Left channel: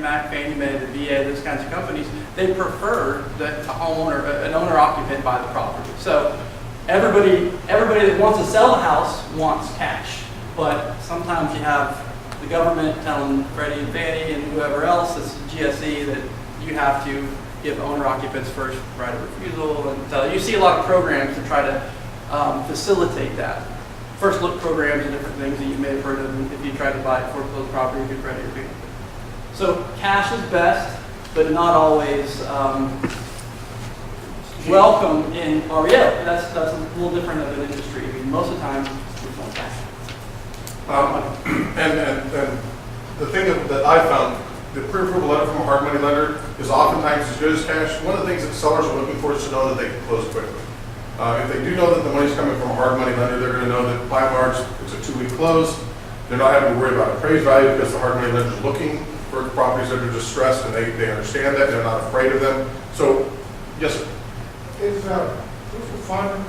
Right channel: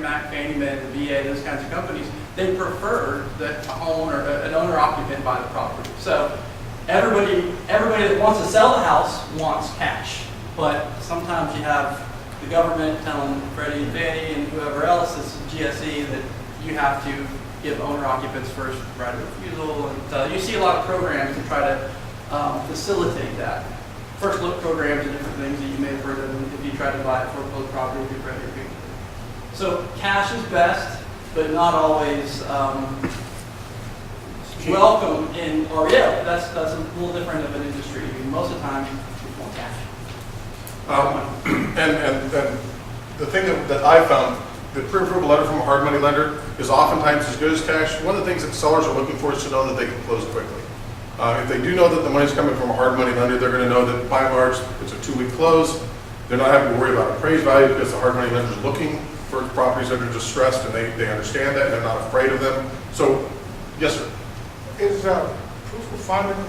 Mac, Fannie Mae, the VA, those kinds of companies, they prefer that a homeowner, an owner-occupant buy the property. So everybody that wants to sell the house wants cash, but sometimes you have the government telling Freddie and Fannie and whoever else, this is GSE, that you have to give owner-occupants first right of refusal, and you see a lot of programs to try to facilitate that. First look programs and different things that you may have heard of if you tried to buy a foreclosed property through credit or people. So cash is best, but not always welcome in REO. That's a little different of an industry. I mean, most of the time, we want cash. And the thing that I found, the pre-approval letter from a hard money lender is oftentimes as good as cash. One of the things that sellers are looking for is to know that they can close quickly. If they do know that the money's coming from a hard money lender, they're going to know that by and large it's a 2-week close. They're not having to worry about appraised value because the hard money lender is looking for properties that are distressed, and they understand that and they're not afraid of them. So, yes, sir. Is proof of funding,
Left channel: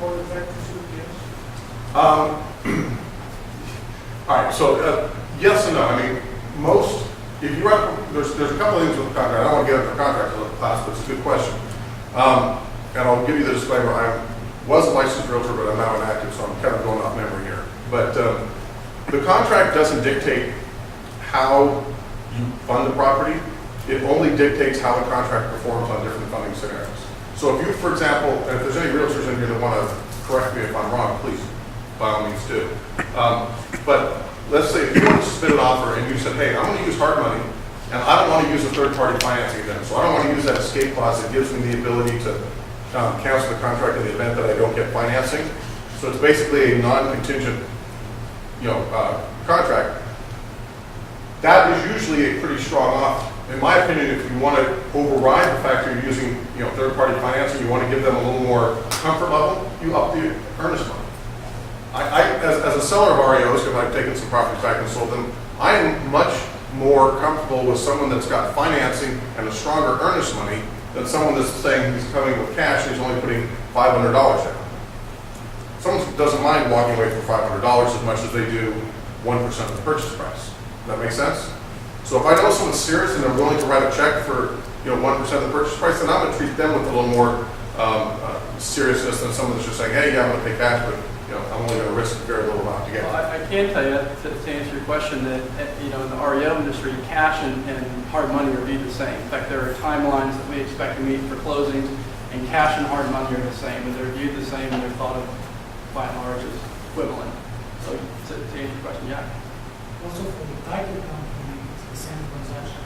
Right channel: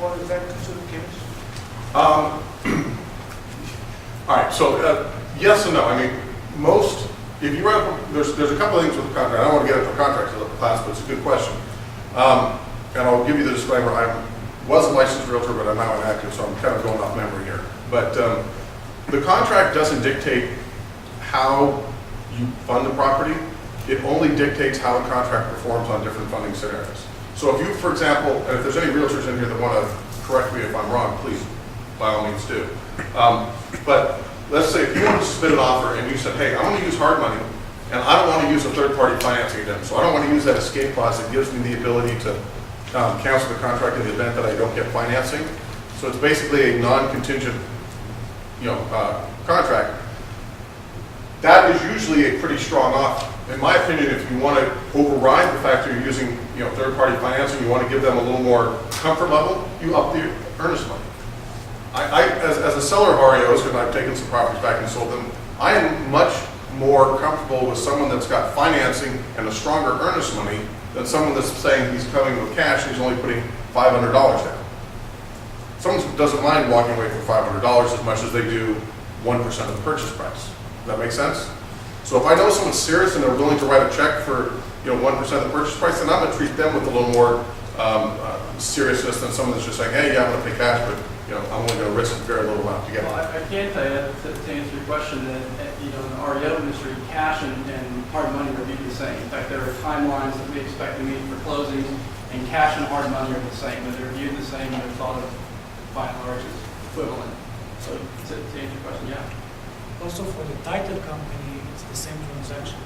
what is that considered case? All right, so yes and no. I mean, if you write there's a couple of things with the contract. I don't want to get into a contract class, but it's a good question. And I'll give you the disclaimer. I was a licensed realtor, but I'm now inactive, so I'm kind of going off memory here. But the contract doesn't dictate how you fund the property. It only dictates how the contract performs on different funding scenarios. So if you, for example, and if there's any realtors in here that want to correct me if I'm wrong, please, by all means do. But let's say if you wanted to submit an offer and you said, hey, I'm going to use hard money, and I don't want to use a third-party financing again, so I don't want to use that escape clause that gives me the ability to cancel the contract in the event that I don't get financing. So it's basically a non-contingent, contract. That is usually a pretty strong offer. In my opinion, if you want to override the fact that you're using, third-party financing, you want to give them a little more comfort level, you up the earnest money. As a seller of REOs, because I've taken some properties back and sold them, I am much more comfortable with someone that's got financing and a stronger earnest money than someone that's saying he's coming with cash and he's only putting $500 down. Someone doesn't mind walking away for $500 as much as they do 1% of the purchase price. Does that make sense? So if I know someone's serious and they're willing to write a check for 1% of the purchase price, then I'm going to treat them with a little more seriousness than someone that's just saying, hey, yeah, I'm going to pay cash, but I'm only going to risk a very little amount to get it. Well, I can tell you that to answer your question that in the REO industry, cash and hard money are viewed the same. In fact, there are timelines that we expect to meet for closings, and cash and hard money are the same, and they're viewed the same, and they're thought of by and large as equivalent. So to answer your question, yeah. Also for the title company, it's the same transaction.